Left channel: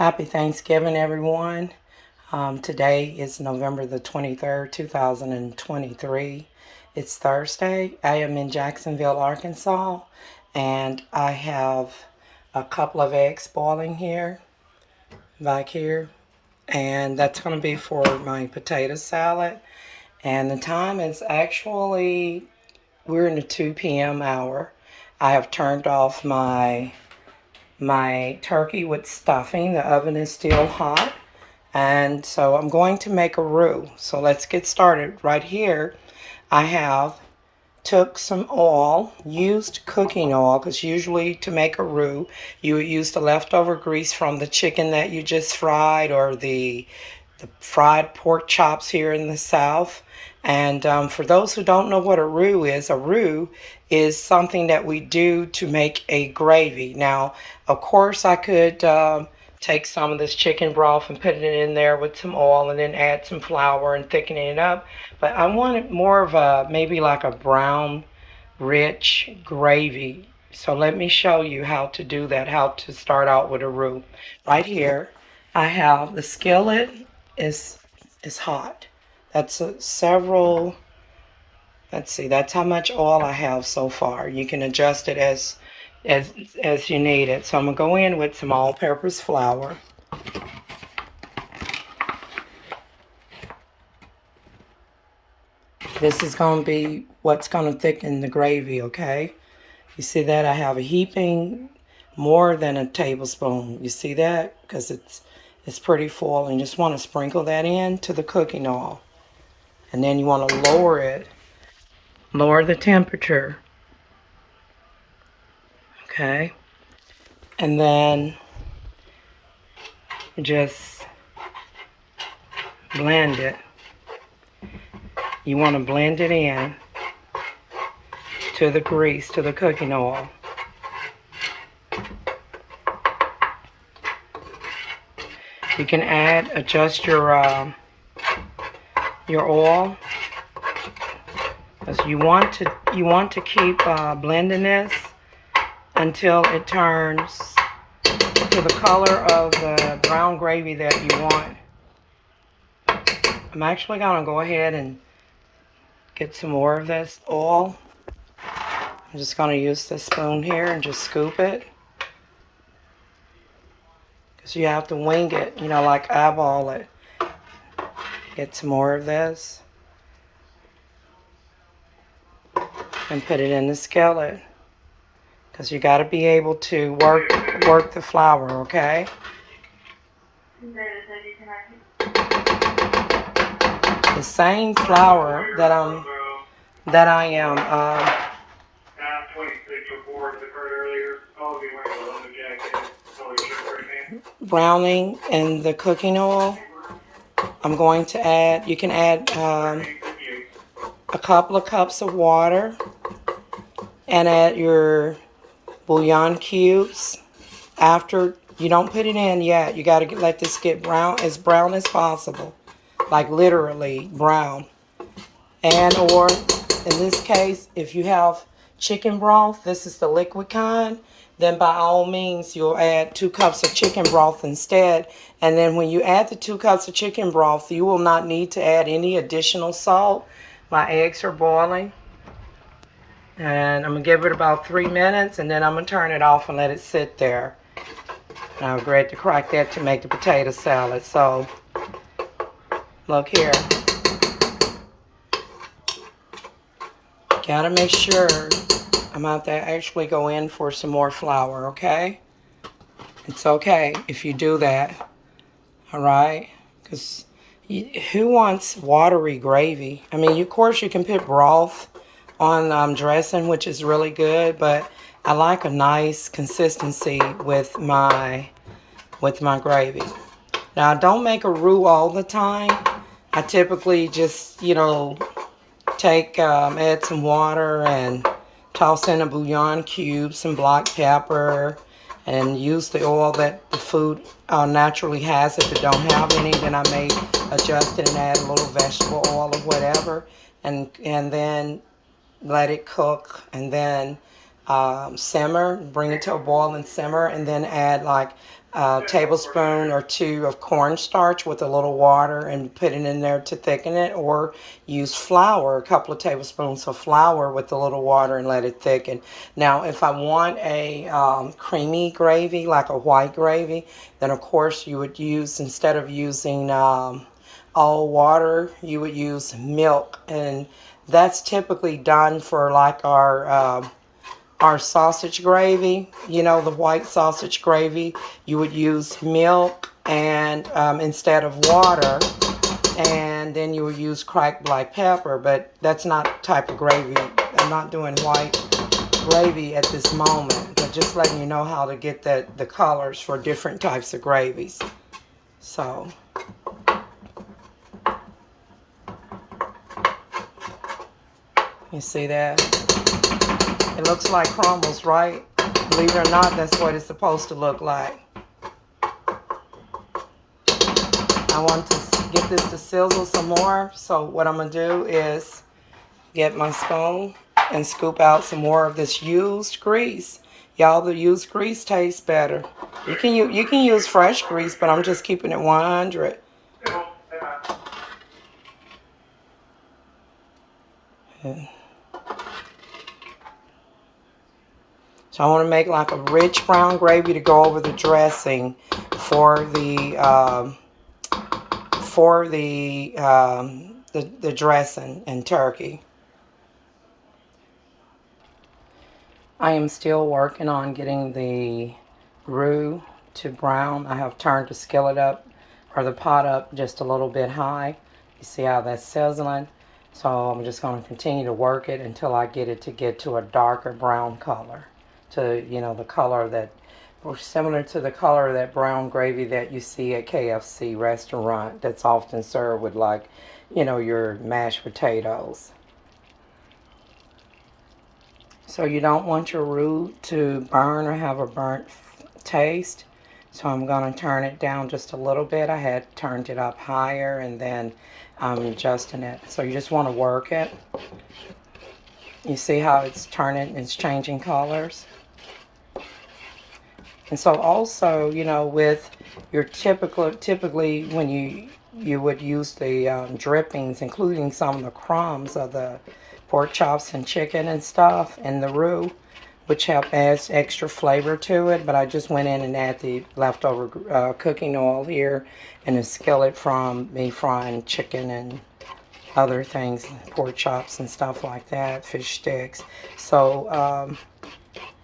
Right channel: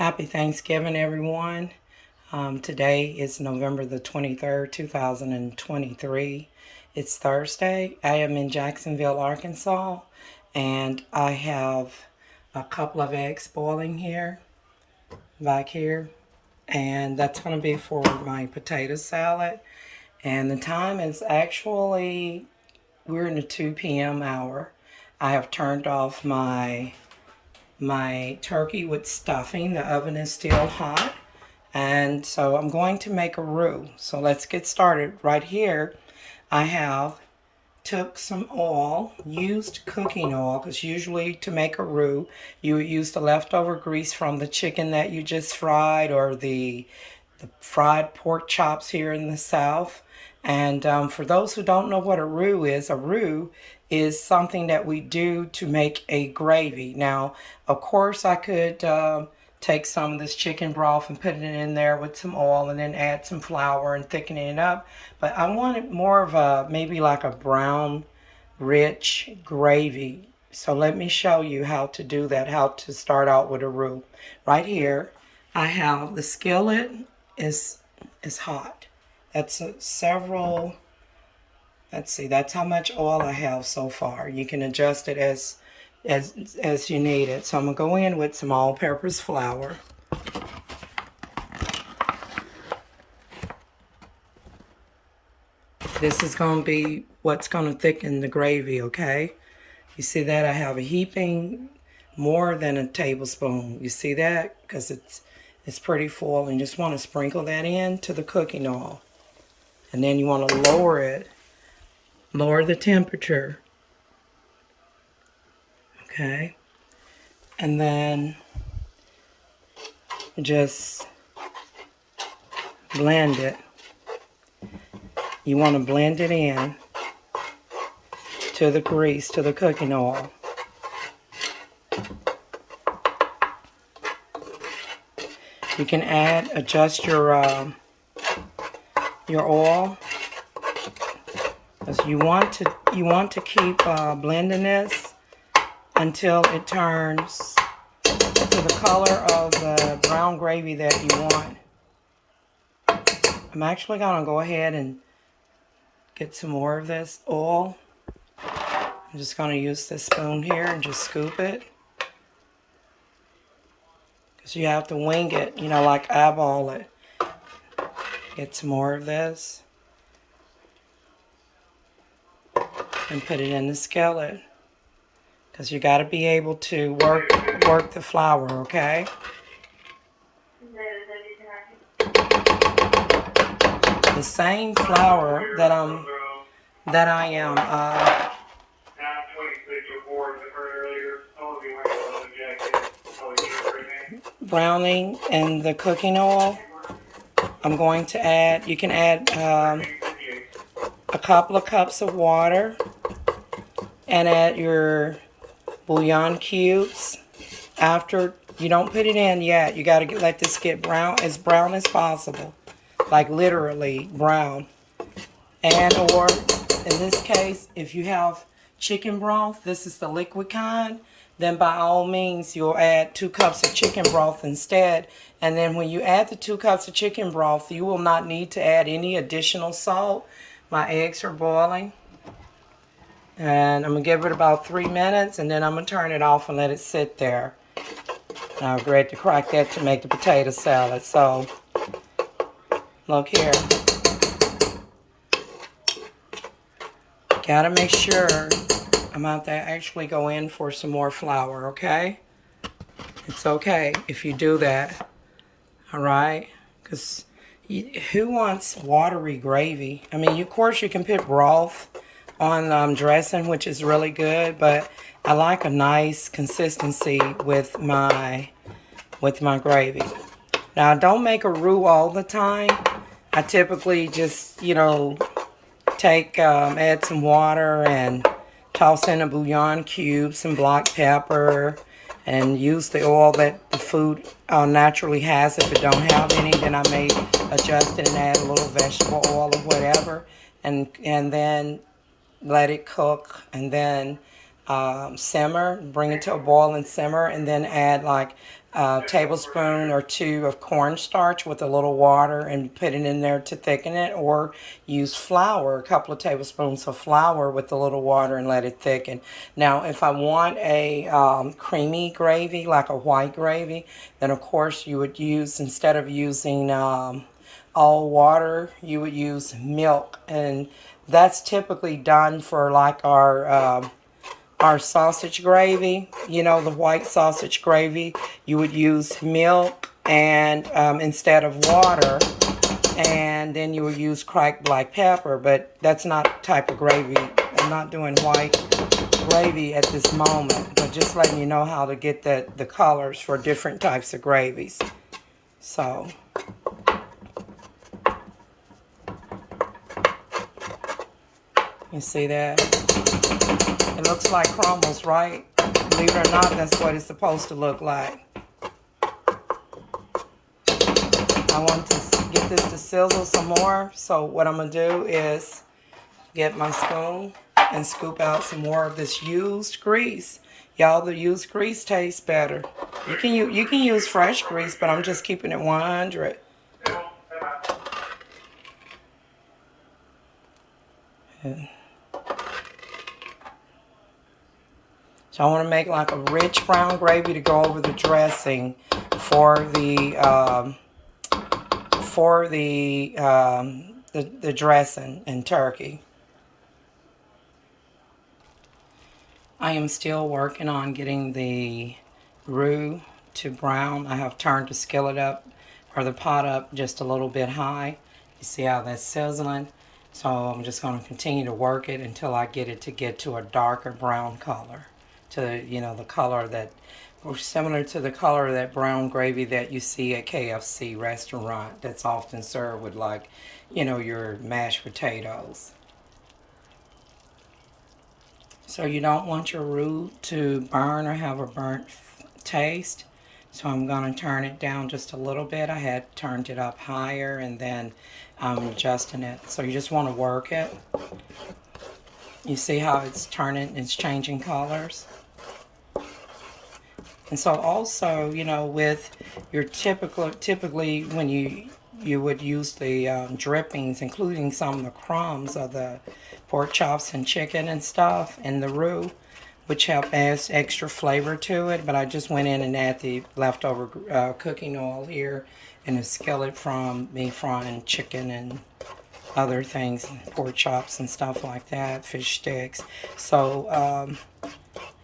Happy Thanksgiving, everyone. Today is November the 23rd, 2023. It's Thursday. I am in Jacksonville, Arkansas, and I have a couple of eggs boiling here, back here, and that's going to be for my potato salad. And the time is actually, we're in the 2 p.m. hour. I have turned off my turkey with stuffing. The oven is still hot. And so I'm going to make a roux. So let's get started. Right here, I have took some oil, used cooking oil, because usually to make a roux, you would use the leftover grease from the chicken that you just fried, or the fried pork chops here in the South. And for those who don't know what a roux is something that we do to make a gravy. Now, of course, I could take some of this chicken broth and put it in there with some oil and then add some flour and thicken it up. But I wanted more of a, maybe like a brown, rich gravy. So let me show you how to do that, how to start out with a roux. Right here, I have the skillet is hot. That's several, let's see, that's how much oil I have so far. You can adjust it as you need it. So I'm going to go in with some all-purpose flour. This is going to be what's going to thicken the gravy, okay? You see that? I have a heaping more than a tablespoon. You see that? Because it's pretty full. And you just want to sprinkle that in to the cooking oil. And then you want to lower it. Lower the temperature. Okay. And then just blend it. You want to blend it in to the grease, to the cooking oil. You can adjust your oil, because you want to keep blending this until it turns to the color of the brown gravy that you want. I'm actually going to go ahead and get some more of this oil. I'm just going to use this spoon here and just scoop it. Because you have to wing it, you know, like eyeball it. Get some more of this. And put it in the skillet. Because you got to be able to work the flour, okay? The same flour that I am browning in the cooking oil, I'm going to add, you can add a couple of cups of water and add your bouillon cubes. After, you don't put it in yet. You got to let this get brown as possible. Like literally brown. And or in this case, if you have chicken broth, this is the liquid kind, then by all means you'll add 2 cups of chicken broth instead. And then when you add the 2 cups of chicken broth, you will not need to add any additional salt. My eggs are boiling. And I'm going to give it about 3 minutes, and then I'm going to turn it off and let it sit there. And I'll get ready to crack that to make the potato salad. So, look here. Gotta make sure I'm out there actually go in for some more flour, okay? It's okay if you do that, all right? Because who wants watery gravy? I mean, of course you can put broth on dressing, which is really good, but I like a nice consistency with my gravy. Now, I don't make a roux all the time. I typically just, you know, add some water and toss in a bouillon cube, some black pepper, and use the oil that the food naturally has. If it don't have any, then I may adjust it and add a little vegetable oil or whatever, and then let it cook, and then simmer, bring it to a boil and simmer, and then add like a tablespoon or two of cornstarch with a little water and put it in there to thicken it, or use flour, a couple of tablespoons of flour with a little water and let it thicken. Now, if I want a creamy gravy, like a white gravy, then of course you would use, instead of using all water, you would use milk, and that's typically done for like our sausage gravy, you know, the white sausage gravy. You would use milk and instead of water, and then you would use cracked black pepper, but that's not the type of gravy. I'm not doing white gravy at this moment, but just letting you know how to get the colors for different types of gravies. So you see that? It looks like crumbles, right? Believe it or not, that's what it's supposed to look like. I want to get this to sizzle some more. So what I'm going to do is get my spoon and scoop out some more of this used grease. Y'all, the used grease tastes better. You can use fresh grease, but I'm just keeping it 100. So I want to make like a rich brown gravy to go over the dressing for the dressing and turkey. I am still working on getting the roux to brown. I have turned the skillet up, or the pot up, just a little bit high. You see how that's sizzling? So I'm just going to continue to work it until I get it to a darker brown color. To, you know, the color that, or similar to the color of that brown gravy that you see at KFC restaurant that's often served with, like, you know, your mashed potatoes. So you don't want your roux to burn or have a burnt taste. So I'm going to turn it down just a little bit. I had turned it up higher, and then I'm adjusting it. So you just want to work it. You see how it's turning, it's changing colors. And so also, you know, with your typically when you would use the drippings, including some of the crumbs of the pork chops and chicken and stuff, and the roux, which adds extra flavor to it. But I just went in and added the leftover cooking oil here in a skillet from me frying chicken and other things, pork chops and stuff like that, fish sticks. So,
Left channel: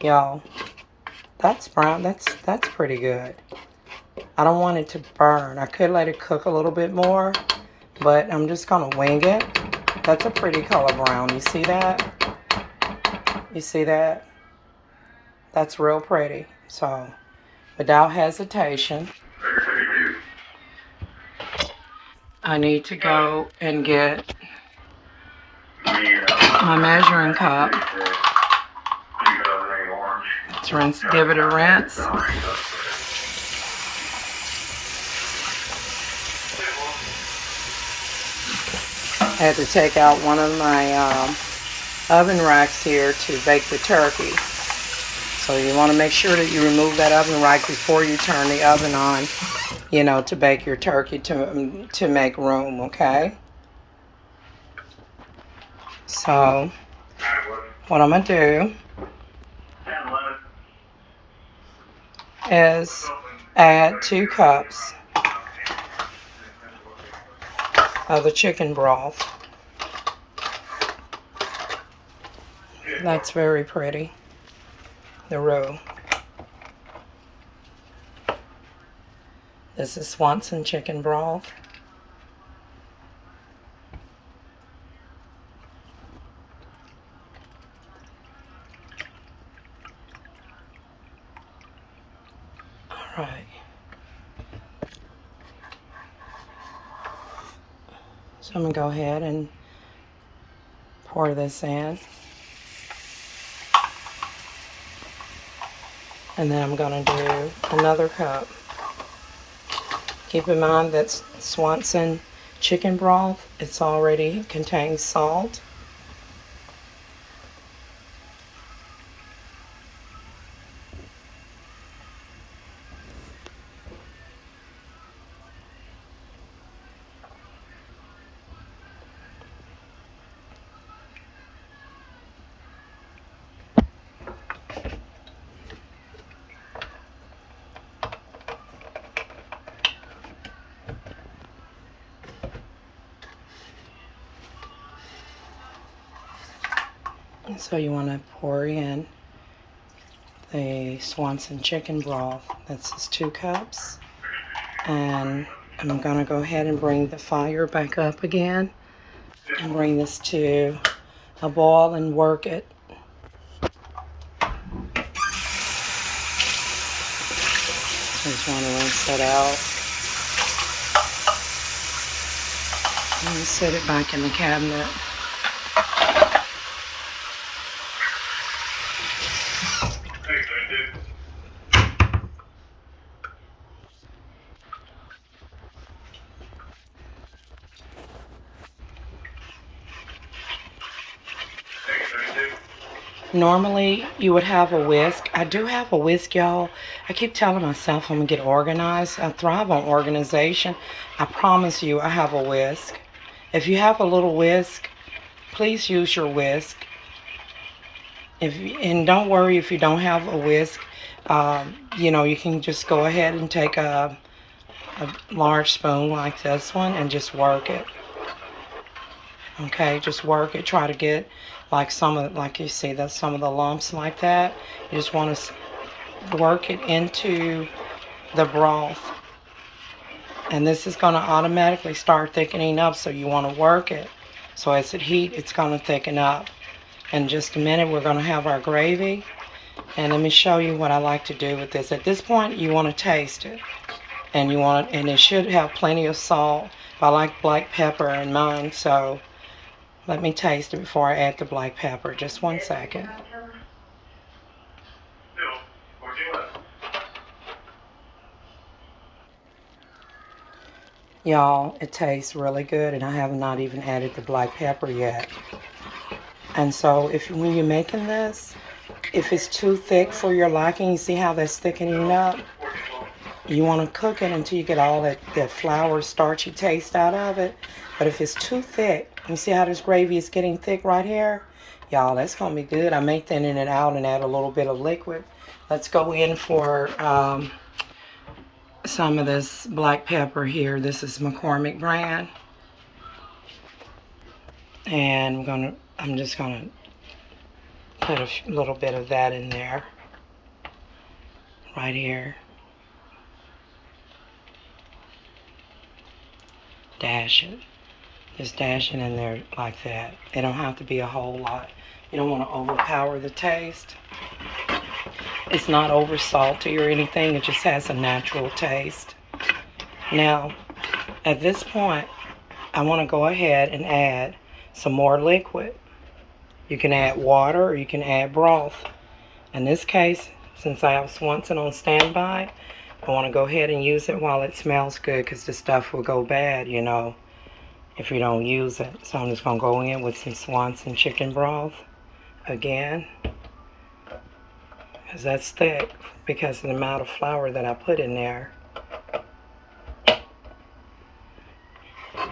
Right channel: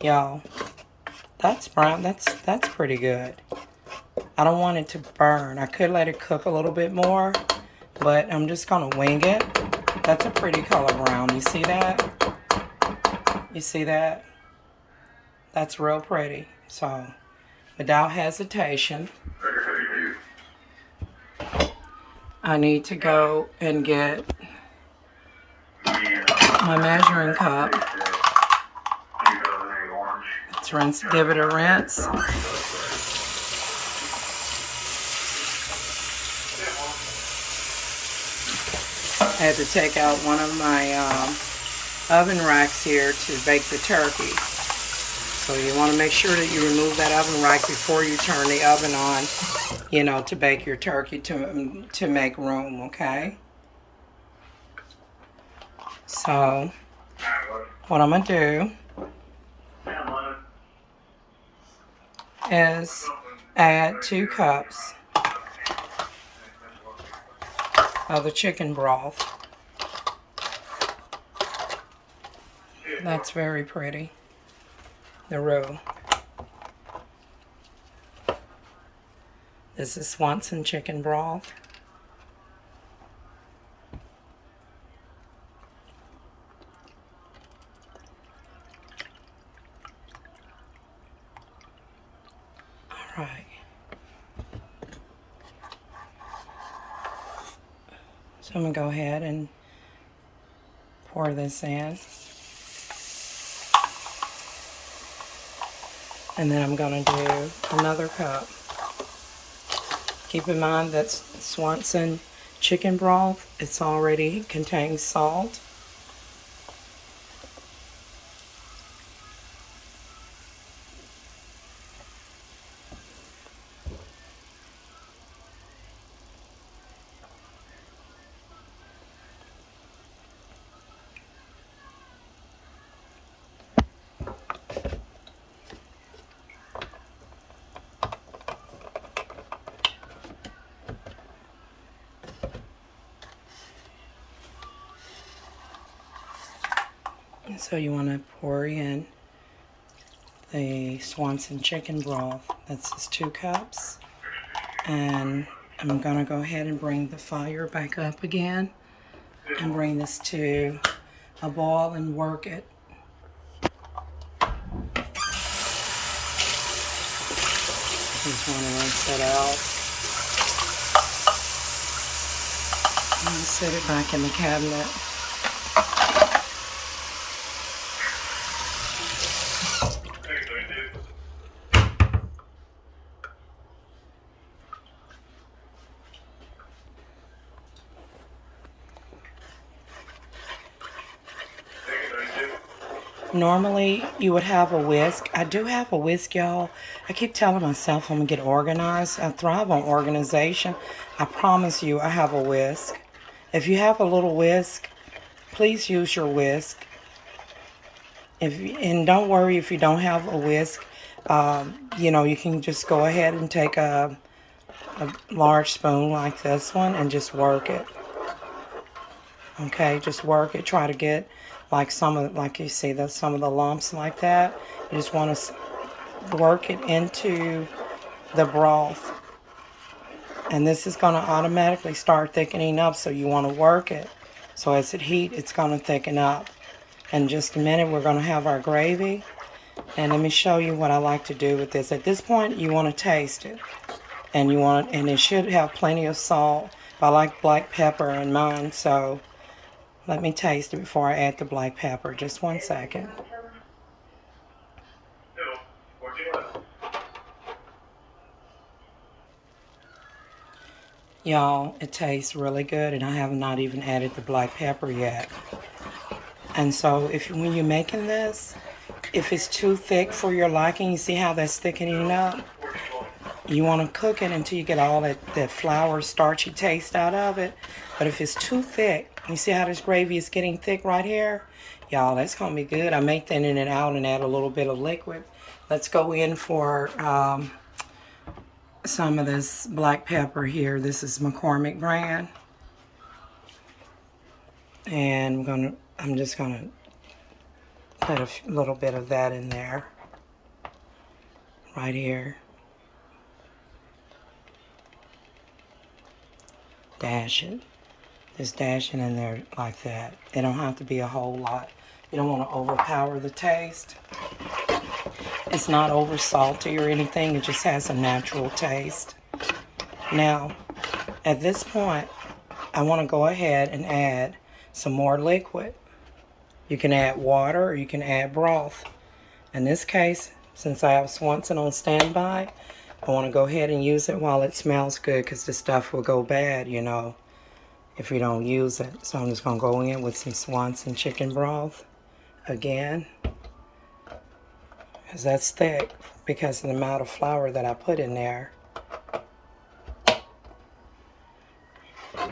y'all, that's brown. That's pretty good. I don't want it to burn. I could let it cook a little bit more, but I'm just gonna wing it. That's a pretty color brown. You see that? You see that? That's real pretty. So, without hesitation, I need to go and get my measuring cup. Let's rinse, give it a rinse. I had to take out one of my oven racks here to bake the turkey. So you want to make sure that you remove that oven rack before you turn the oven on, you know, to bake your turkey to make room, okay? So what I'm going to do is add 2 cups of the chicken broth. That's very pretty. The roux. This is Swanson chicken broth. All right. So I'm going to go ahead and pour this in. And then I'm going to do another cup. Keep in mind that Swanson chicken broth, it's already contains salt. So you want to pour in the Swanson chicken broth. That's 2 cups. And I'm going to go ahead and bring the fire back up again and bring this to a boil and work it. Just want to rinse that out and set it back in the cabinet. Normally, you would have a whisk. I do have a whisk, y'all. I keep telling myself I'm going to get organized. I thrive on organization. I promise you, I have a whisk. If you have a little whisk, please use your whisk. And don't worry if you don't have a whisk. You know, you can just go ahead and take a large spoon like this one and just work it. Okay, just work it. Try to get like you see that some of the lumps like that. You just want to work it into the broth. And this is going to automatically start thickening up, so you want to work it. So as it heats, it's going to thicken up. In just a minute, we're going to have our gravy. And let me show you what I like to do with this. At this point, you want to taste it. And it should have plenty of salt. I like black pepper in mine, so let me taste it before I add the black pepper. Just 1 second. Y'all, it tastes really good, and I have not even added the black pepper yet. And so when you're making this, if it's too thick for your liking, you see how that's thickening up? You want to cook it until you get all that flour, starchy taste out of it. But if it's too thick, you see how this gravy is getting thick right here? Y'all, that's going to be good. I may thin it out and add a little bit of liquid. Let's go in for some of this black pepper here. This is McCormick brand. And I'm just going to put a little bit of that in there. Right here. Dash it. Just dash it in there like that. It don't have to be a whole lot. You don't want to overpower the taste. It's not over salty or anything. It just has a natural taste. Now, at this point, I want to go ahead and add some more liquid. You can add water or you can add broth. In this case, since I have Swanson on standby, I want to go ahead and use it while it smells good, because the stuff will go bad, you know, if you don't use it. So I'm just going to go in with some Swanson chicken broth again, because that's thick because of the amount of flour that I put in there.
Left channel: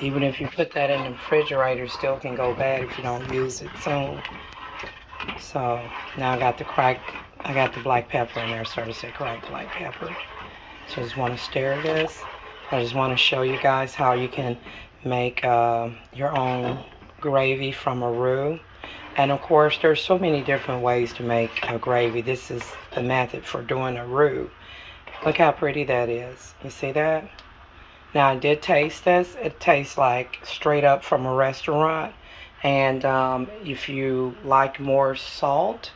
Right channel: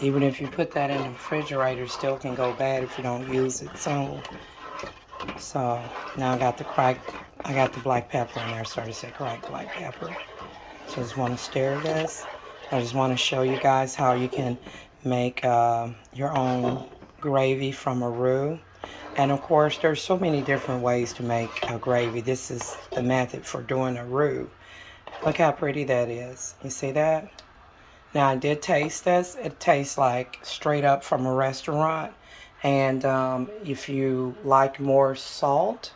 Even if you put that in the refrigerator, it still can go bad if you don't use it soon. So now I got the black pepper in there. Sorry to say cracked black pepper. So I just want to stir this. I just want to show you guys how you can make your own gravy from a roux. And of course, there's so many different ways to make a gravy. This is the method for doing a roux. Look how pretty that is. You see that? Now, I did taste this. It tastes like straight up from a restaurant. And if you like more salt,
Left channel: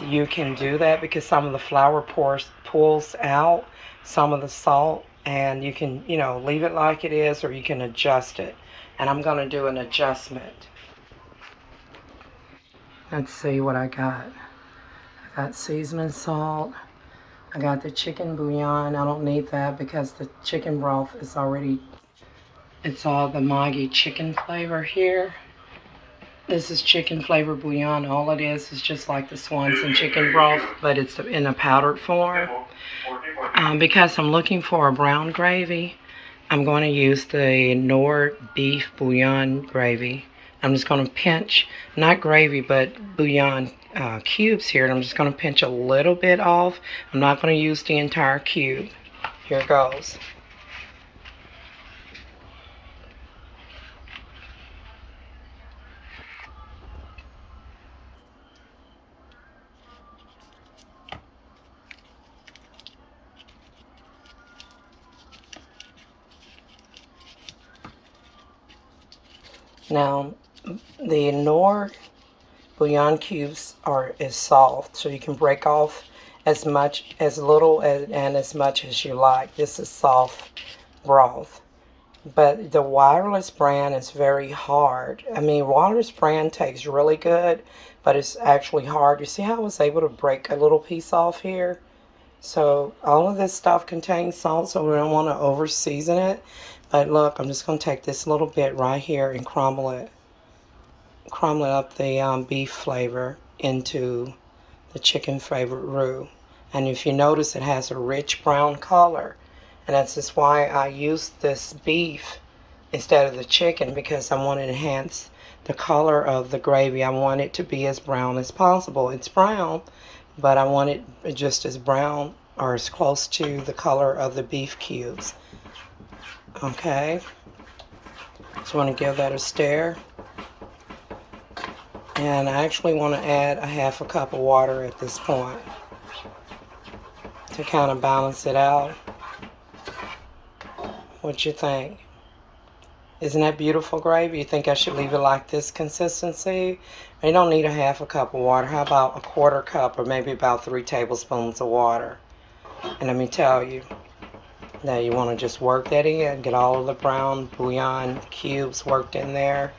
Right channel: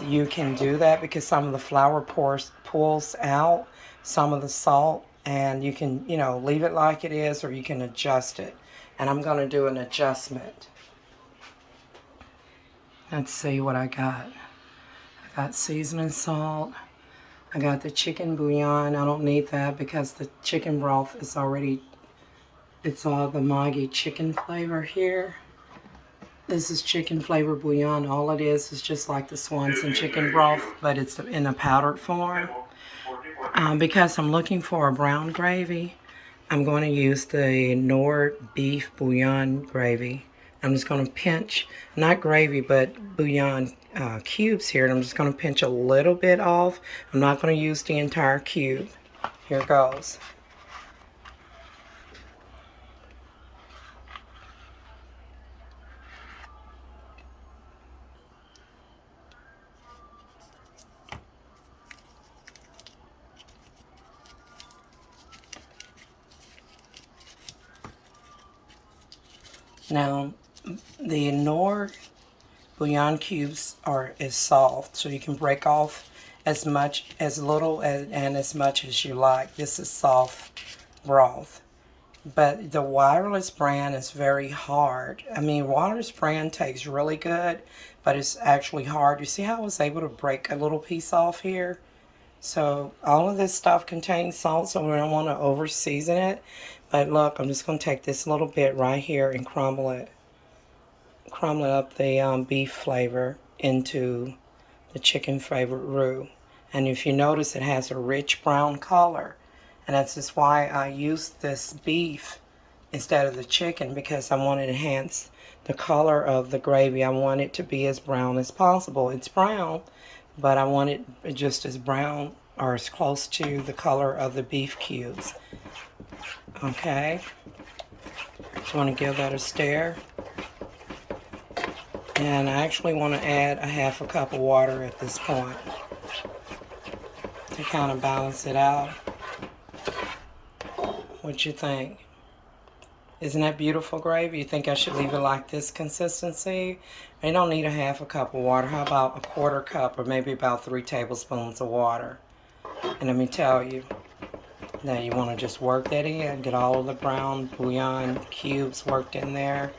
you can do that, because some of the flour pulls out some of the salt. And you can, you know, leave it like it is, or you can adjust it. And I'm going to do an adjustment. Let's see what I got. I got seasoning salt. I got the chicken bouillon. I don't need that because the chicken broth is already, it's all the Maggi chicken flavor here. This is chicken flavor bouillon. All it is just like the Swanson chicken broth, but it's in a powdered form. Because I'm looking for a brown gravy, I'm going to use the NOV beef bouillon gravy. I'm just going to pinch, not gravy, but bouillon cubes here. And I'm just going to pinch a little bit off. I'm not going to use the entire cube. Here it goes. Now, the NOV bouillon cubes is soft, so you can break off as little and as much as you like. This is soft broth. But the wireless brand is very hard. I mean, wireless brand tastes really good, but it's actually hard. You see how I was able to break a little piece off here? So all of this stuff contains salt, so we don't want to over season it. But look, I'm just going to take this little bit right here and crumble it up the beef flavor into the chicken flavored roux. And if you notice, it has a rich brown color. And that's just why I used this beef instead of the chicken, because I want to enhance the color of the gravy. I want it to be as brown as possible. It's brown, but I want it just as brown or as close to the color of the beef cubes. Okay. Just want to give that a stir. And I actually want to add a half a cup of water at this point to kind of balance it out. What you think? Isn't that beautiful gravy? You think I should leave it like this consistency? You don't need a half a cup of water. How about a quarter cup, or maybe about 3 tablespoons of water? And let me tell you, now you want to just work that in, get all of the brown bouillon cubes worked in there.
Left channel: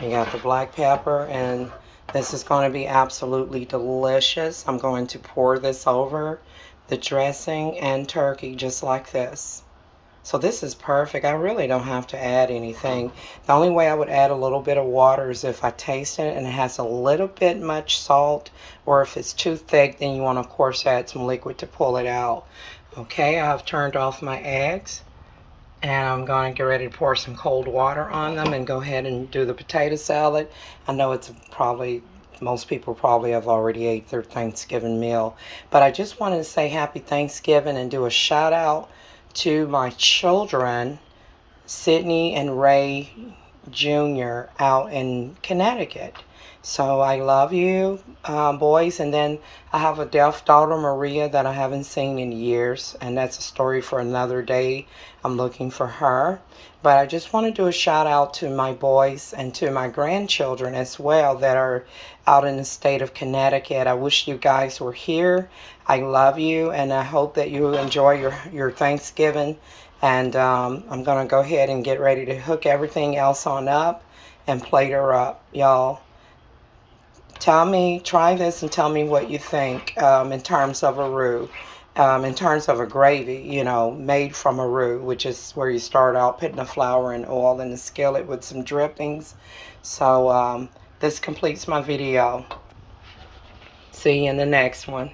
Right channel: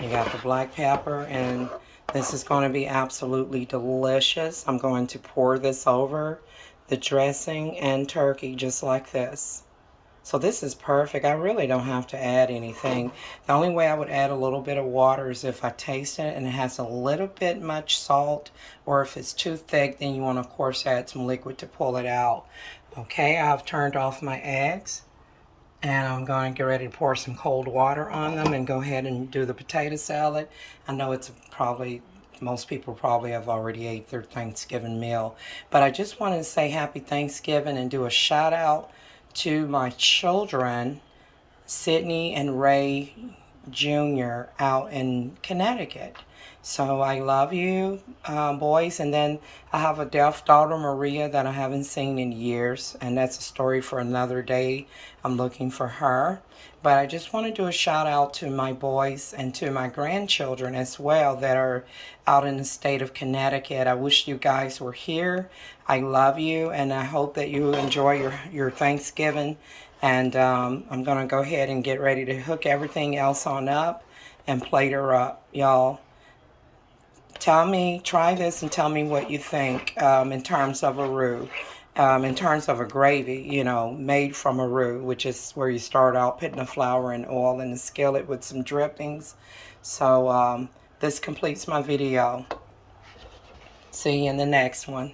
You got the black pepper, and this is going to be absolutely delicious. I'm going to pour this over the dressing and turkey just like this. So this is perfect. I really don't have to add anything. The only way I would add a little bit of water is if I taste it and it has a little bit much salt, or if it's too thick, then you want to, of course, add some liquid to pull it out. Okay, I've turned off my eggs, and I'm going to get ready to pour some cold water on them and go ahead and do the potato salad. I know it's probably, most people probably have already ate their Thanksgiving meal, but I just wanted to say happy Thanksgiving and do a shout out to my children, Sydney and Ray Jr. out in Connecticut. So I love you, boys. And then I have a deaf daughter, Maria, that I haven't seen in years, and that's a story for another day. I'm looking for her. But I just want to do a shout out to my boys and to my grandchildren as well that are out in the state of Connecticut. I wish you guys were here. I love you, and I hope that you enjoy your Thanksgiving. And I'm going to go ahead and get ready to hook everything else on up and plate her up, y'all. Try this and tell me what you think in terms of a roux. In terms of a gravy, you know, made from a roux, which is where you start out putting the flour and oil in the skillet with some drippings. So this completes my video. See you in the next one.